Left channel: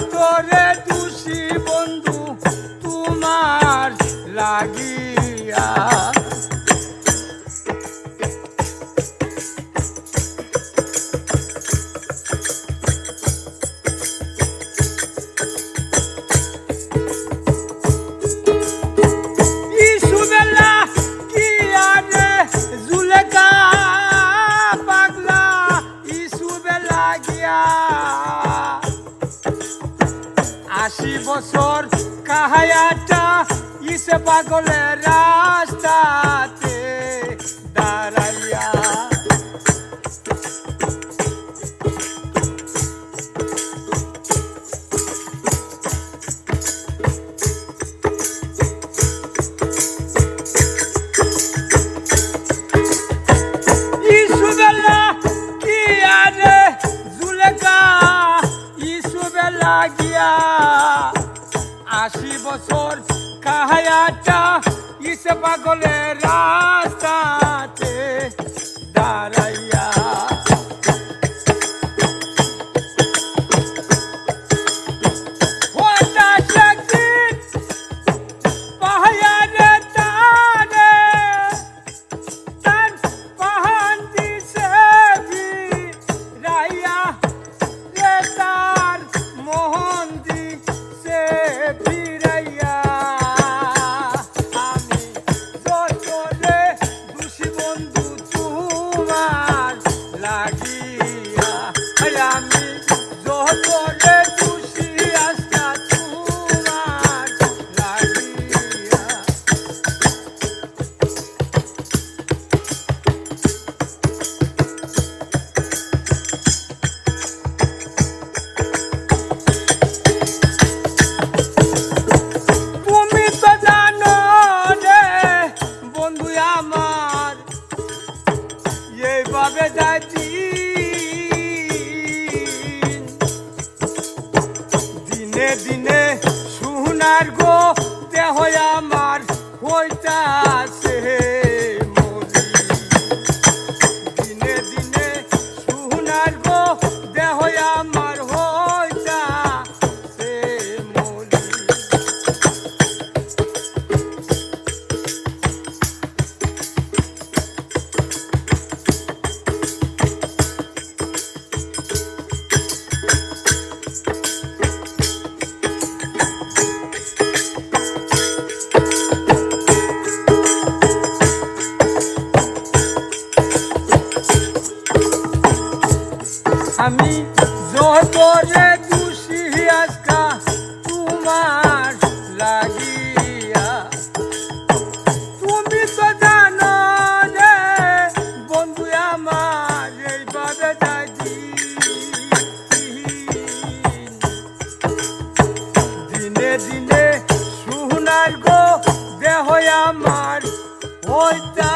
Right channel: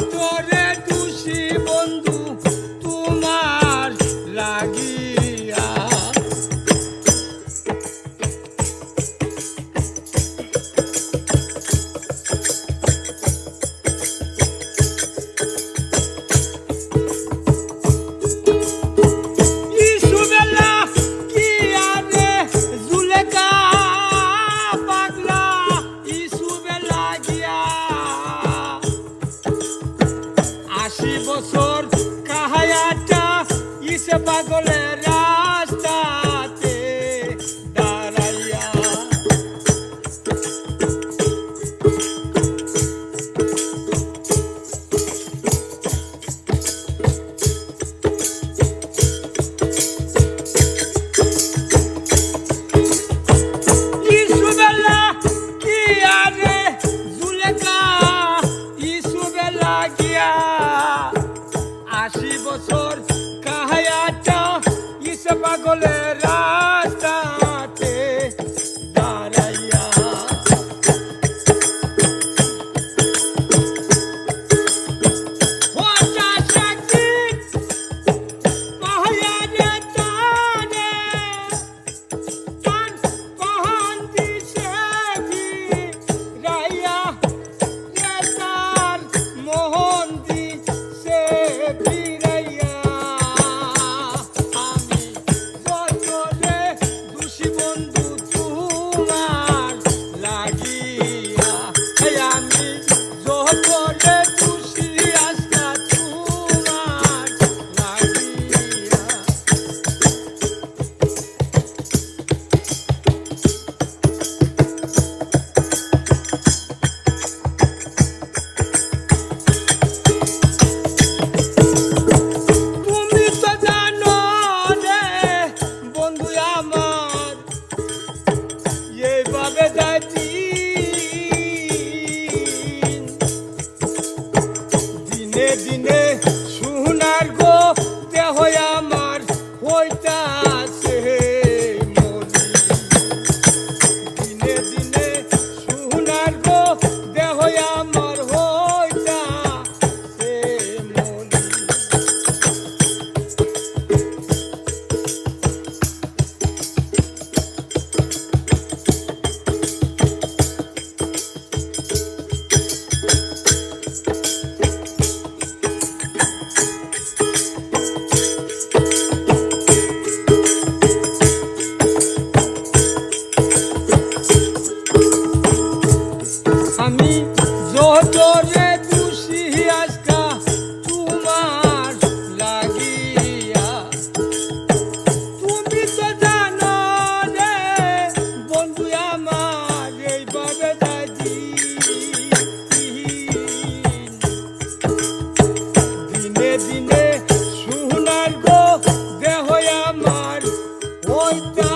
যতরে দোষী বন্ধু তোমার লাগিয়া আশি বছর কাহায়াটা ইসে পাগলের রাস্তাতে দাঁড়াইয়া লাগিয়া 80 বছর কাহায়াটা ইসে পাগলের রাস্তাতে দাঁড়াইয়া দিনে দিনে সোনার গো দেহ আমার হইতাছে মরি দিনে দিনে সোনার গো দেহ আমার হইতাছে মরি আমি যতরে দোষী আজকা তোমার লাগিয়া তুমি তো জানো রে বন্ধু আমার এইভাবে দাদি দিনে দিনে সোনার গো দেহ আমার হইতা